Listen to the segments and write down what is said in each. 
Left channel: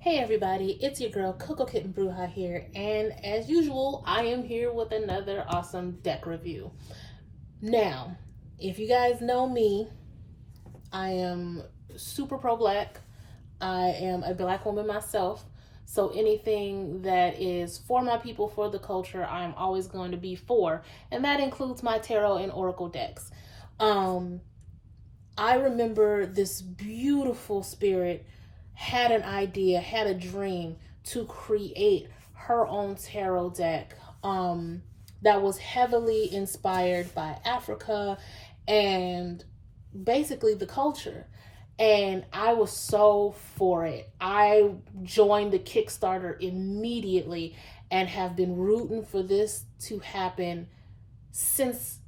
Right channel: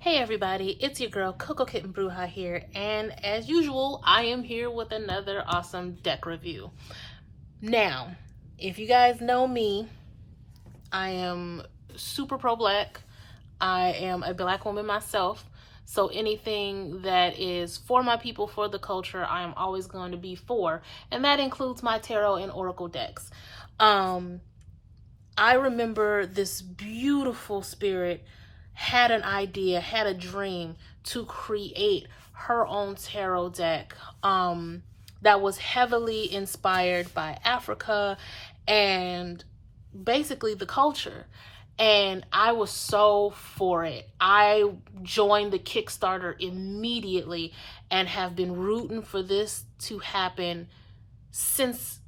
Hey everybody, it's your girl Coco Kitten Bruja here, and as usual, I am here with another awesome deck review. Now, if you guys know me, I am super pro-black. I am a black woman myself, so anything that is for my people, for the culture, I am always going to be for, and that includes my tarot and oracle decks. I remember this beautiful spirit had an idea, had a dream to create her own tarot deck that was heavily inspired by Africa and basically the culture. And I was so for it. I joined the Kickstarter immediately and have been rooting for this to happen since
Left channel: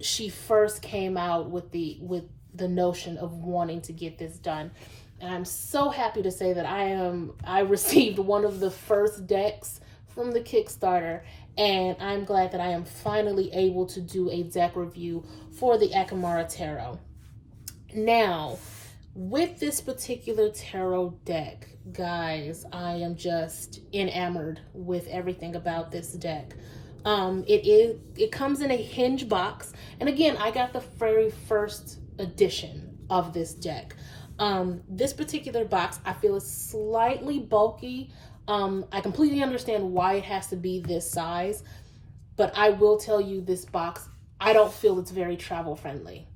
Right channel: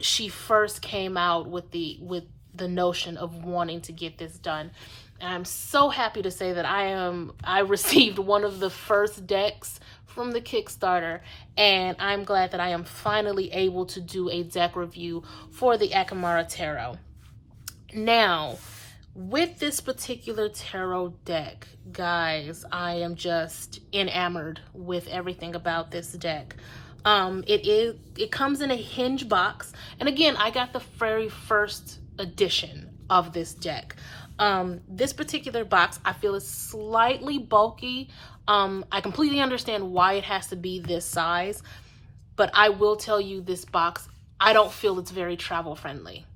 she first came out with the notion of wanting to get this done. And I'm so happy to say that I received one of the first decks from the Kickstarter, and I'm glad that I am finally able to do a deck review for the Akamara Tarot. Now, with this particular tarot deck, guys, I am just enamored with everything about this deck. It comes in a hinge box, and again, I got the very first edition of this deck. This particular box I feel is slightly bulky. I completely understand why it has to be this size, but I will tell you, this box, I don't feel it's very travel friendly.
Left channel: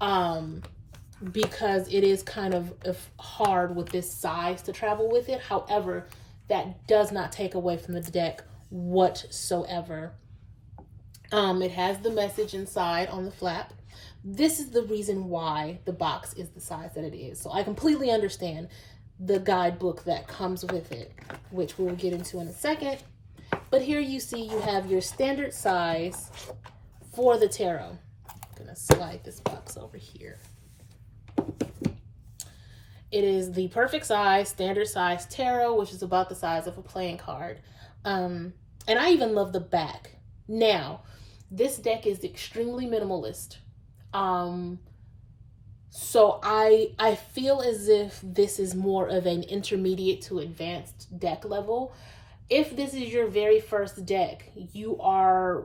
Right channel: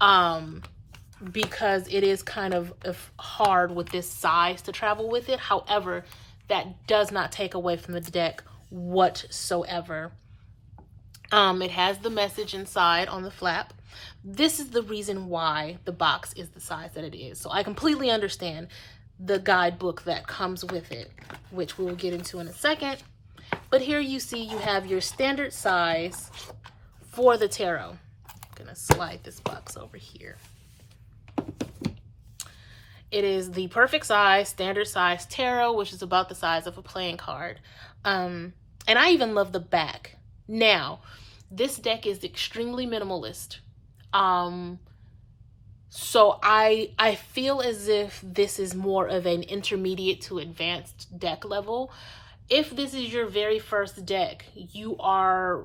Because it is kind of hard with this size to travel with it. However, that does not take away from the deck whatsoever. It has the message inside on the flap. This is the reason why the box is the size that it is. So I completely understand the guidebook that comes with it, which we'll get into in a second. But here you see you have your standard size for the tarot. I'm gonna slide this box over here. It is the perfect size, standard size tarot, which is about the size of a playing card. And I even love the back. Now, this deck is extremely minimalist. So I feel as if this is more of an intermediate to advanced deck level. If this is your very first deck, you are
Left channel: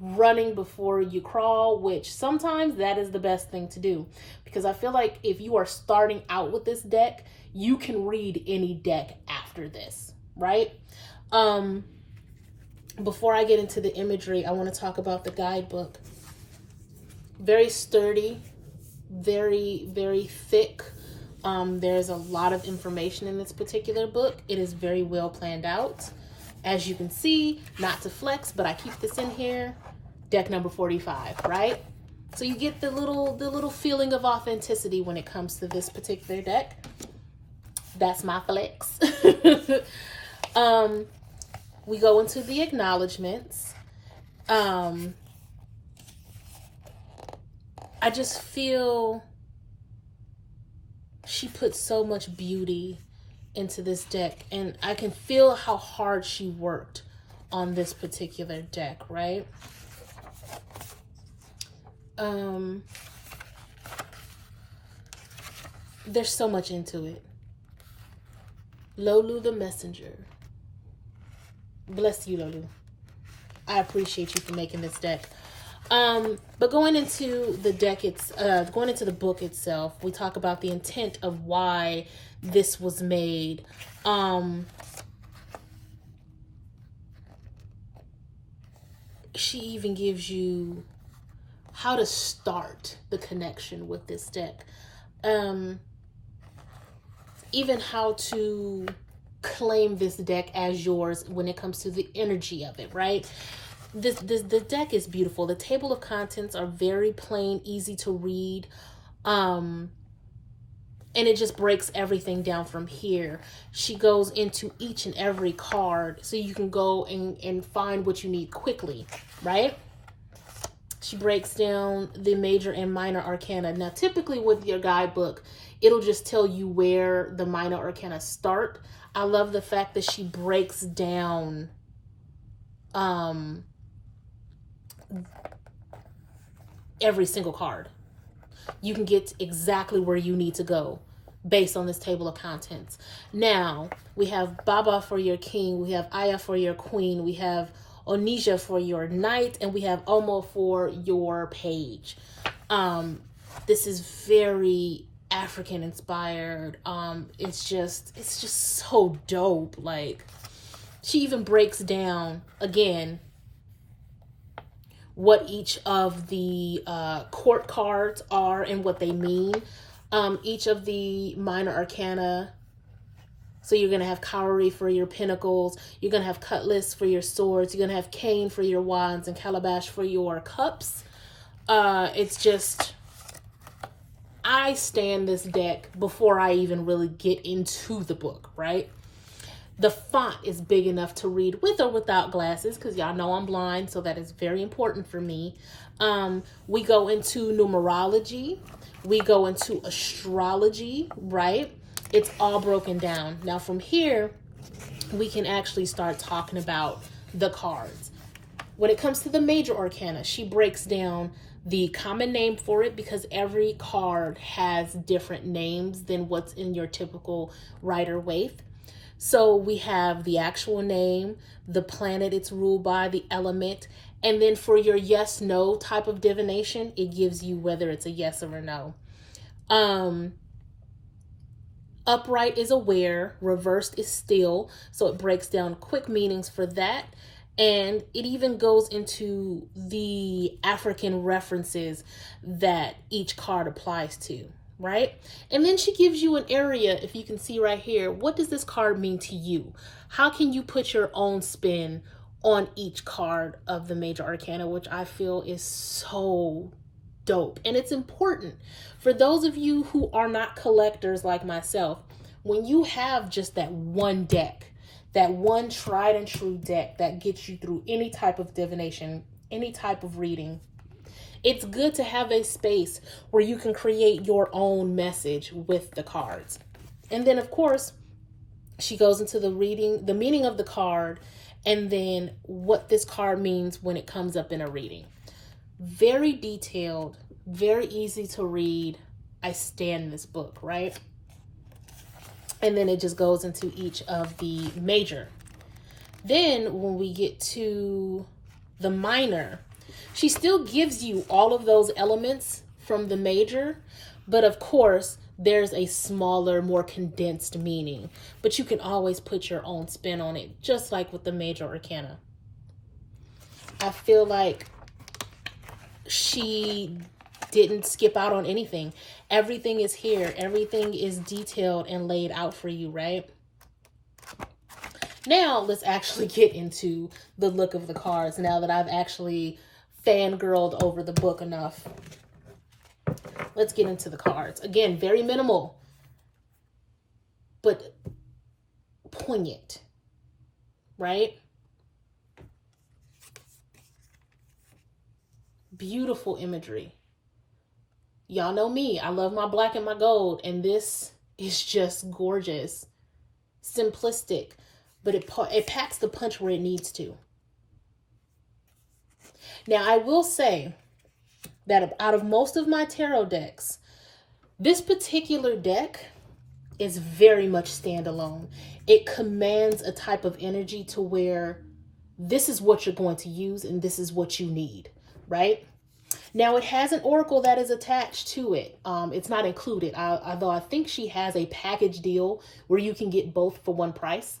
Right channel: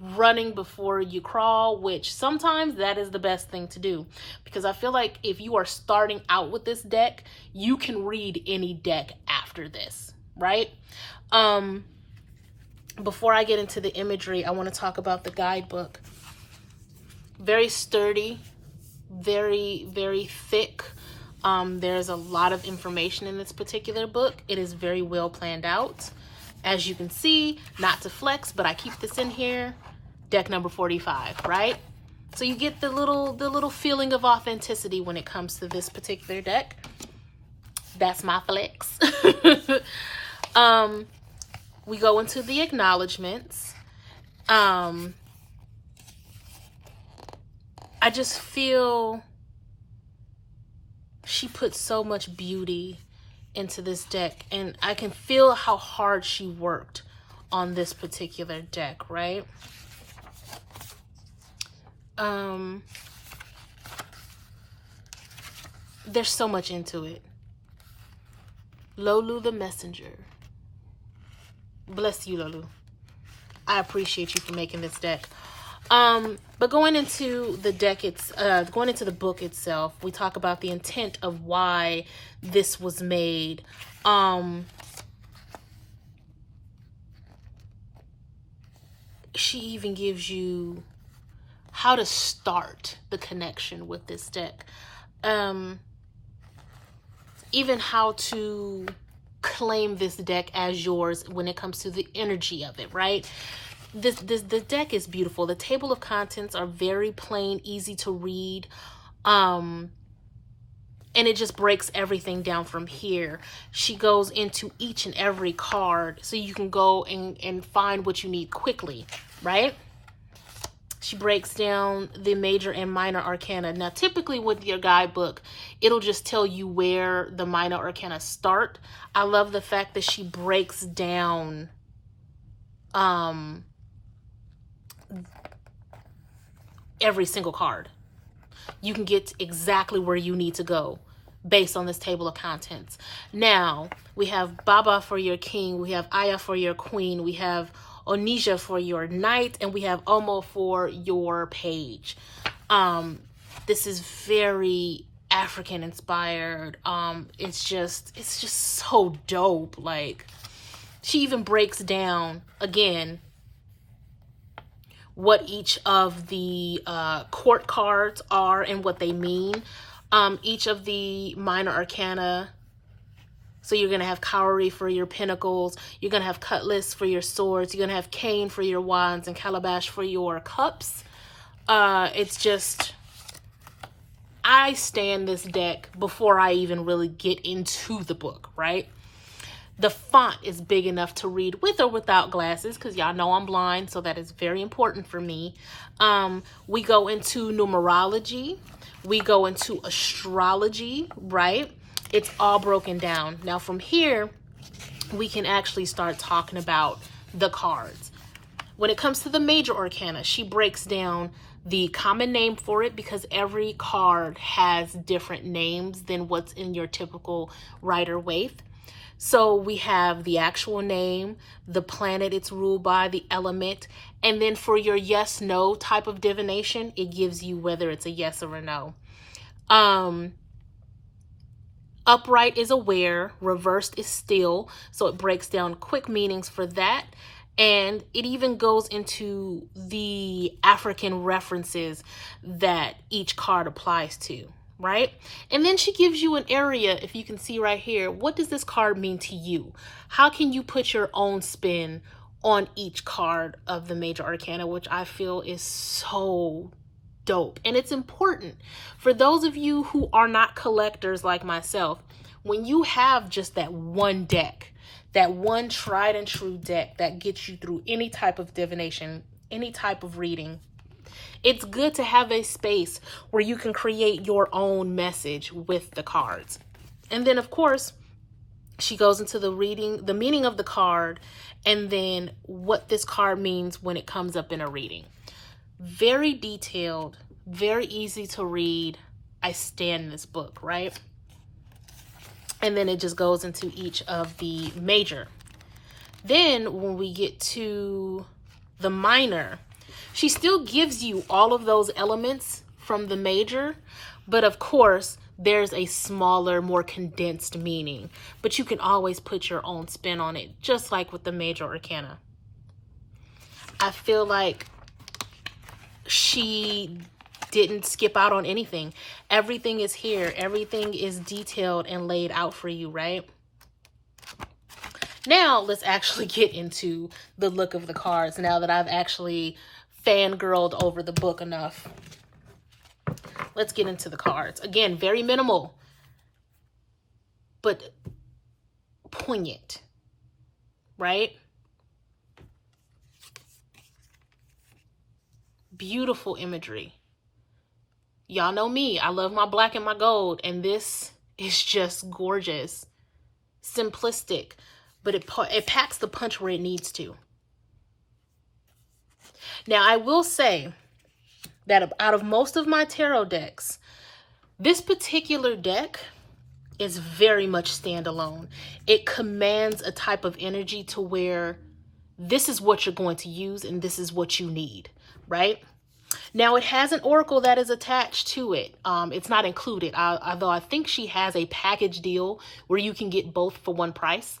running before you crawl, which sometimes that is the best thing to do, because I feel like if you are starting out with this deck, you can read any deck after this, right? Before I get into the imagery, I want to talk about the guidebook. Very sturdy, very, very thick. There's a lot of information in this particular book. It is very well planned out. As you can see, not to flex, but I keep this in here, deck number 45, right? So you get the little feeling of authenticity when it comes to this particular deck. That's my flex. We go into the acknowledgements. I just feel she put so much beauty into this deck, and I can feel how hard she worked on this particular deck, right? There's so much into it. Lolu the messenger. Bless you, Lolu. I appreciate you for making this deck. But going into the deck, going into the book itself, we talk about the intent of why this was made. She even gives you how to start the connection with this deck. Even how to claim this deck as yours when it comes to the energy of it, right? The deck is beautiful. The table of contents are very plain, easy to read. And it just breaks everything down from here. She goes into each and every card so you can go and find what you need quickly, right? She breaks down the major and minor arcana. Now, typically with your guidebook, it'll just tell you where the minor arcana start. I love the fact that she breaks down every single card. You can get exactly where you need to go based on this table of contents. Now, we have Baba for your king, we have Aya for your queen, we have Onija for your knight, and we have Omo for your page. This is very African inspired. It's just so dope. Like, she even breaks down again what each of the court cards are and what they mean. Each of the minor arcana. So you're going to have Cowrie for your pentacles. You're going to have Cutlass for your swords. You're going to have Cane for your wands and Calabash for your cups. It's just, I stand this deck before I even really get into the book, right? The font is big enough to read with or without glasses, because y'all know I'm blind, so that is very important for me. We go into numerology. We go into astrology, right? It's all broken down. Now from here, we can actually start talking about the cards. When it comes to the major arcana, she breaks down the common name for it, because every card has different names than what's in your typical Rider-Waite. So we have the actual name, the planet it's ruled by, the element, and then for your yes-no type of divination, it gives you whether it's a yes or a no. Upright is aware, reversed is still, so it breaks down quick meanings for that. And it even goes into the African references that each card applies to, right? And then she gives you an area, if you can see right here, what does this card mean to you? How can you put your own spin on each card of the major arcana, which I feel is so dope. And it's important for those of you who are not collectors like myself. When you have just that one deck, that one tried and true deck that gets you through any type of divination, any type of reading, it's good to have a space where you can create your own message with the cards. And then of course, she goes into the meaning of the card, and then what this card means when it comes up in a reading. Very detailed, very easy to read. I stand this book, right? And then it just goes into each of the major. Then when we get to the minor, she still gives you all of those elements from the major, but of course there's a smaller, more condensed meaning, but you can always put your own spin on it, just like with the major arcana. I feel like she didn't skip out on anything. Everything is here. Everything is detailed and laid out for you, right? Now let's actually get into the look of the cards, now that I've actually fangirled over the book enough. Let's get into the cards. Again, very minimal, but poignant, right? Beautiful imagery. Y'all know me. I love my black and my gold, and this is just gorgeous. Simplistic, but it packs the punch where it needs to. Now, I will say that out of most of my tarot decks, this particular deck is very much standalone. It commands a type of energy to where this is what you're going to use and this is what you need, right? Now, it has an oracle that is attached to it. It's not included, although I think she has a package deal where you can get both for one price.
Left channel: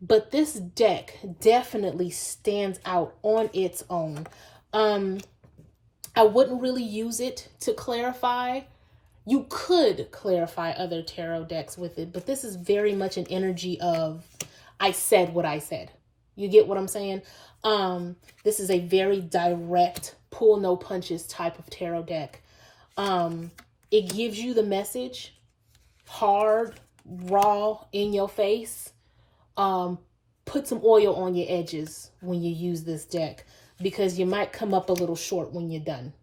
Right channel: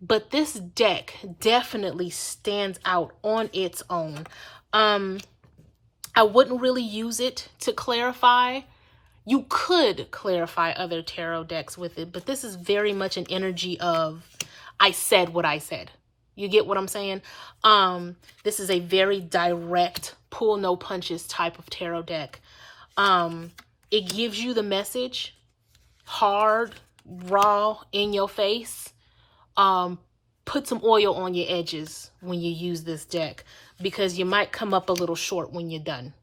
But this deck definitely stands out on its own. I wouldn't really use it to clarify. You could clarify other tarot decks with it, but this is very much an energy of, I said what I said. You get what I'm saying? This is a very direct, pull no punches type of tarot deck. It gives you the message hard, raw, in your face. Put some oil on your edges when you use this deck, because you might come up a little short when you're done.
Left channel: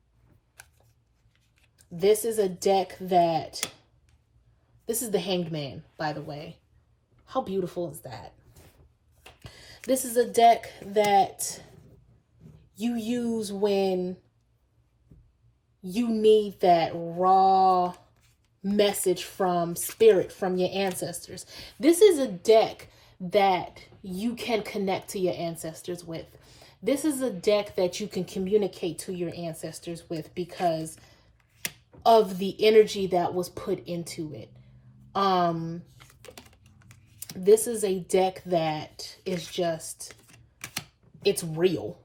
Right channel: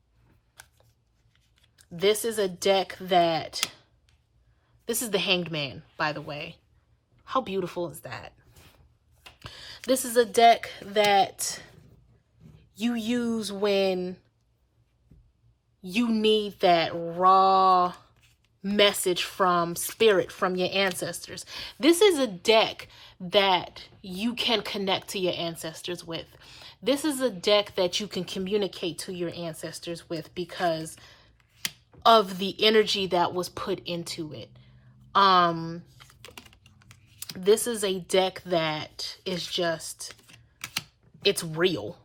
This is a deck that, this is the Hanged Man, by the way. How beautiful is that? This is a deck that you use when you need that raw message from spirit, from your ancestors. This is a deck that you can connect to your ancestors with. This is a deck that you can communicate to your ancestors with because of the energy that was put into it. This is a deck that is just, it's real.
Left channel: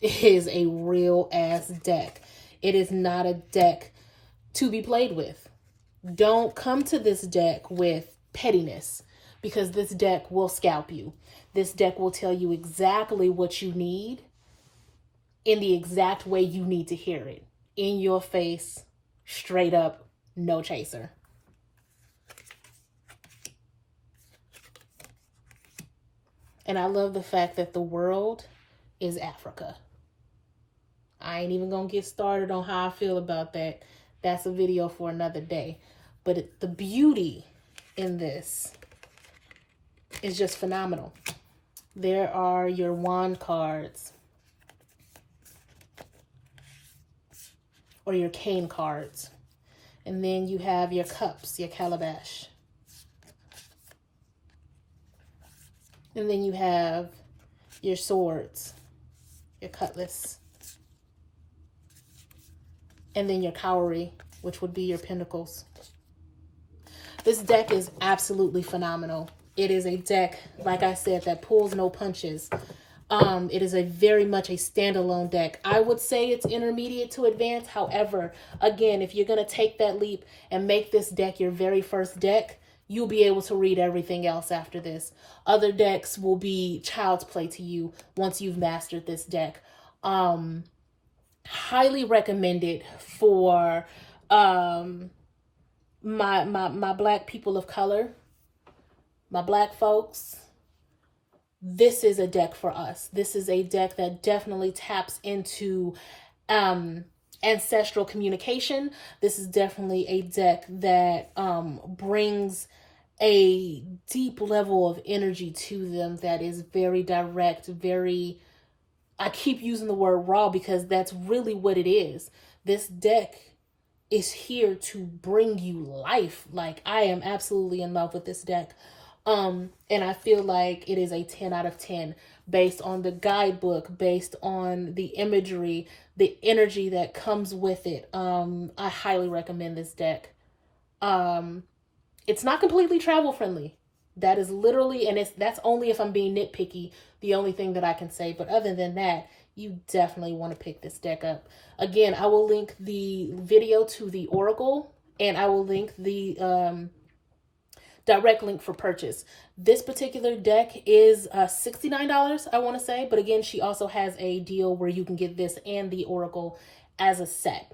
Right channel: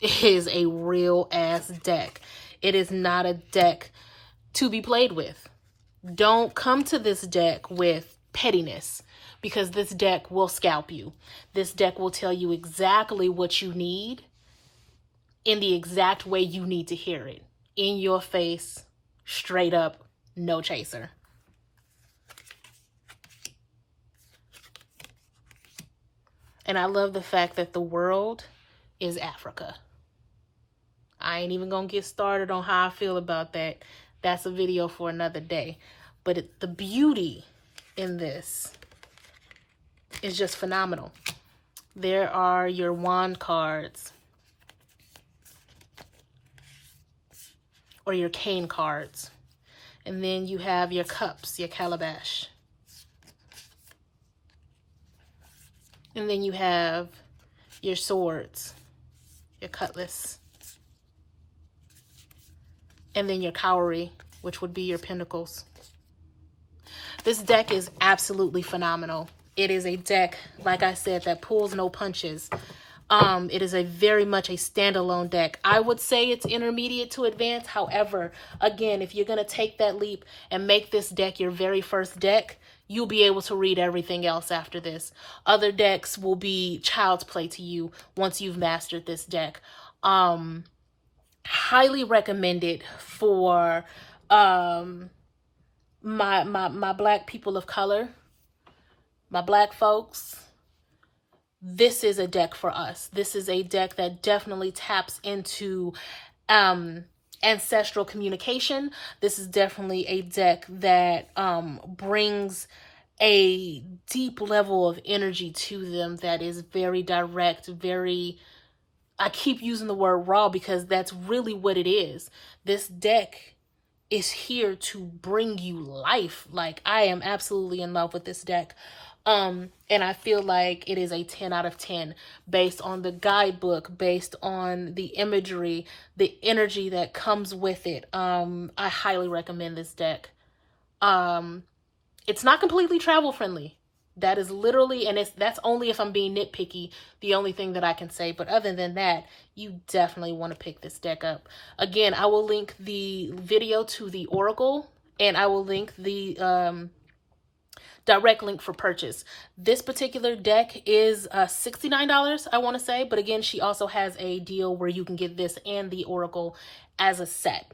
It is a real ass deck. It is not a deck to be played with. Don't come to this deck with pettiness, because this deck will scalp you. This deck will tell you exactly what you need in the exact way you need to hear it. In your face, straight up, no chaser. And I love the fact that the world is Africa. I ain't even gonna get started on how I feel about that. That's a video for another day. But the beauty in this is just phenomenal. There are your wand cards, or your cane cards. And then you have your cups, your calabash. And then you have your swords, your cutlass. And then your cowrie, which would be your pentacles. This deck is absolutely phenomenal. It is a deck, like I said, that pulls no punches. It is very much a standalone deck. I would say it's intermediate to advanced. However, again, if you're going to take that leap and make this deck your very first deck, you'll be able to read everything else after this. Other decks will be child's play to you once you've mastered this deck. Highly recommended for my Black people of color, my Black folks. This is a deck for us. This is a deck that definitely taps into ancestral communication. This is definitely a deck that brings a deep level of energy to them that is very direct, very, I keep using the word raw because that's really what it is. This deck is here to bring you life. Like, I am absolutely in love with this deck. And I feel like it is a 10 out of 10 based on the guidebook, based on the imagery, the energy that comes with it. I highly recommend this deck. It's not completely travel friendly. That is literally, and that's only if I'm being nitpicky, the only thing that I can say. But other than that, you definitely want to pick this deck up. Again, I will link the video to the Oracle, and I will link the direct link for purchase. This particular deck is $69, I want to say. But again, she also has a deal where you can get this and the Oracle as a set.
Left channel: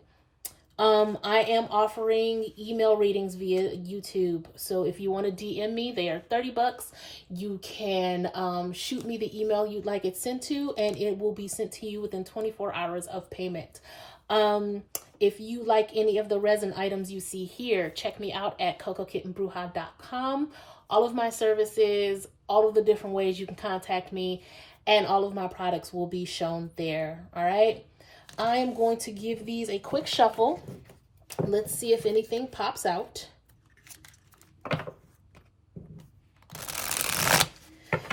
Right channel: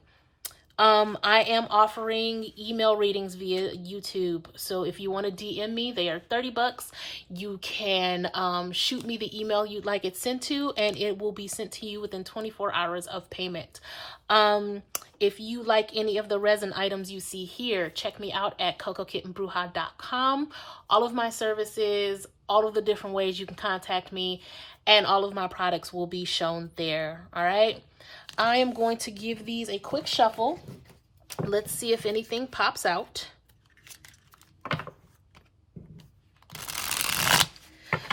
I am offering email readings via YouTube. So if you want to DM me, they are $30. You can shoot me the email you'd like it sent to, and it will be sent to you within 24 hours of payment. If you like any of the resin items you see here, check me out at cocokittenbruja.com. All of my services, all of the different ways you can contact me, and all of my products will be shown there. All right. I am going to give these a quick shuffle. Let's see if anything pops out.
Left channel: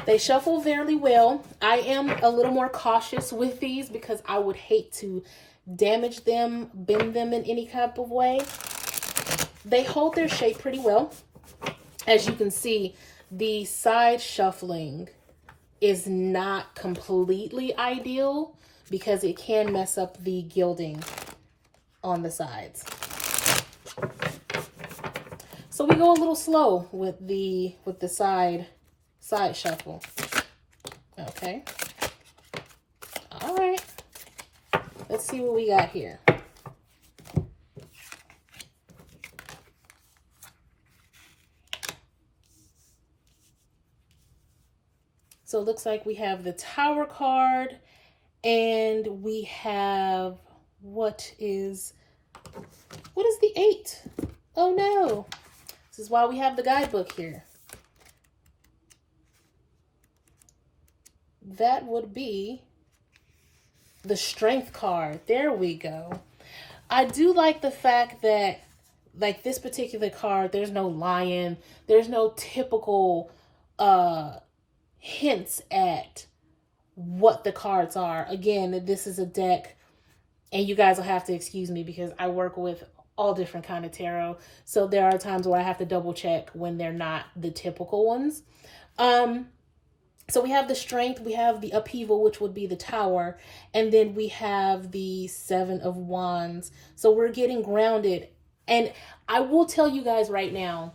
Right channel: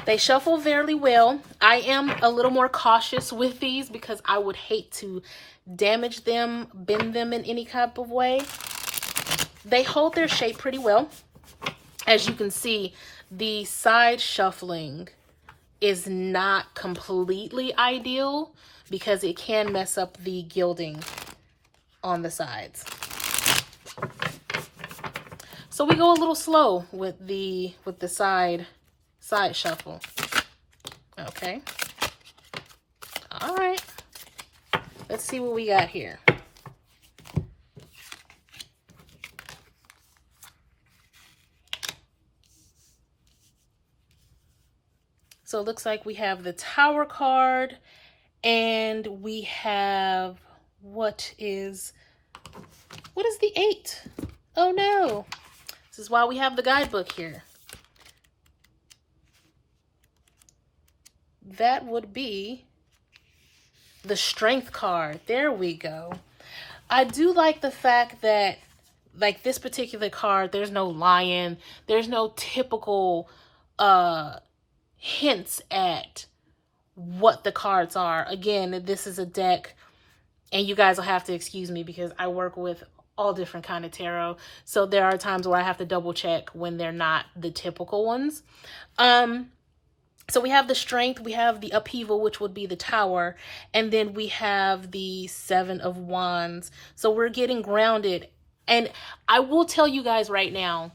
They shuffle very well. I am a little more cautious with these because I would hate to damage them, bend them in any type of way. They hold their shape pretty well. As you can see, the side shuffling is not completely ideal because it can mess up the gilding on the sides. So we go a little slow with the side shuffle. Okay. All right. Let's see what we got here. So it looks like we have the Tower card, and we have, what is the 8? Oh no. This is why we have the guidebook here. That would be the Strength card. There we go. I do like the fact that like this particular card, there's no lion, there's no typical hints at what the cards are. Again, this is a deck, and you guys will have to excuse me because I work with all different kind of tarot. So there are times where I have to double check when they're not the typical ones. So we have the Strength, we have the Upheaval, which would be the Tower, and then we have the Seven of Wands. So we're getting grounded. And I will tell you guys right now,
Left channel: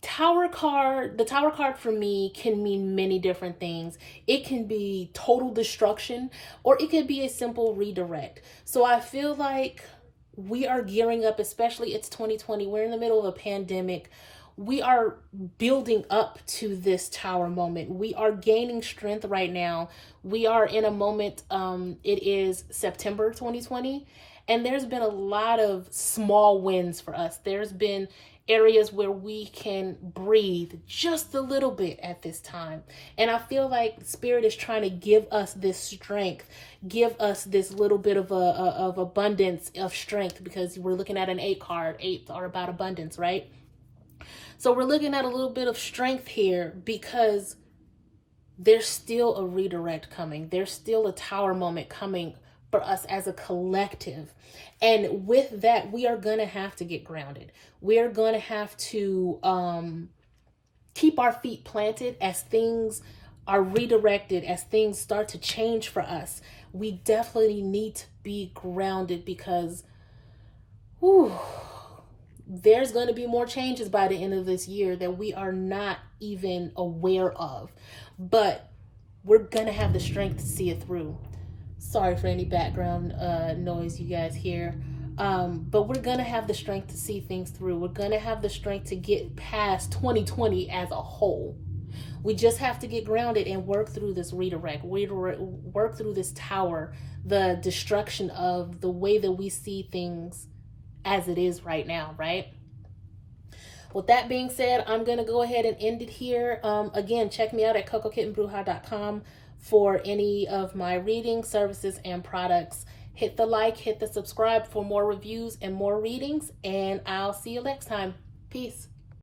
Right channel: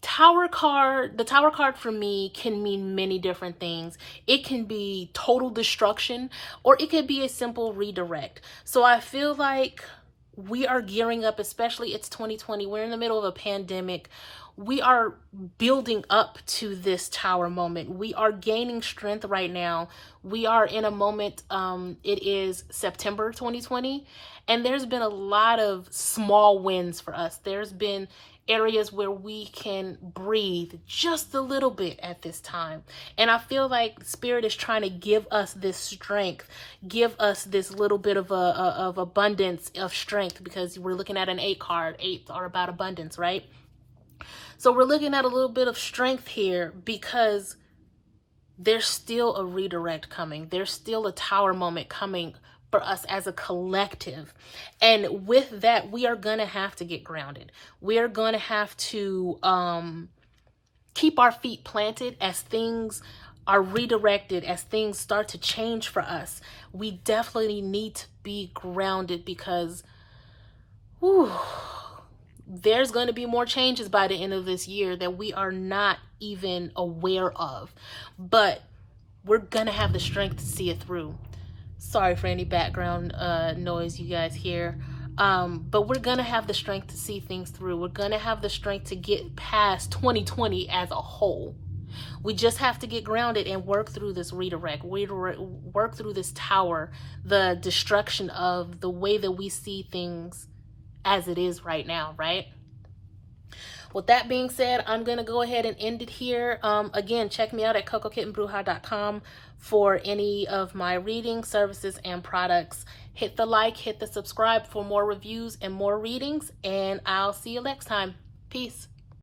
the Tower card for me can mean many different things. It can be total destruction, or it could be a simple redirect. So I feel like we are gearing up, especially it's 2020. We're in the middle of a pandemic. We are building up to this Tower moment. We are gaining strength right now. We are in a moment, it is September 2020, and there's been a lot of small wins for us. There's been areas where we can breathe just a little bit at this time. And I feel like Spirit is trying to give us this strength, give us this little bit of abundance of strength, because we're looking at an 8 card. 8s are about abundance, right? So we're looking at a little bit of strength here because there's still a redirect coming. There's still a Tower moment coming for us as a collective. And with that, we are going to have to get grounded. We are going to have to keep our feet planted as things are redirected, as things start to change for us. We definitely need to be grounded because there's going to be more changes by the end of this year that we are not even aware of. But we're going to have the strength to see it through. Sorry for any background noise you guys hear. But we're going to have the strength to see things through. We're going to have the strength to get past 2020 as a whole. We just have to get grounded and work through this redirect, work through this Tower, the destruction of the way that we see things as it is right now, right? With that being said, I'm going to go ahead and end it here. Again, check me out at cocokittenbruja.com for any of my reading services and products. Hit the like, hit the subscribe for more reviews and more readings, and I'll see you next time. Peace.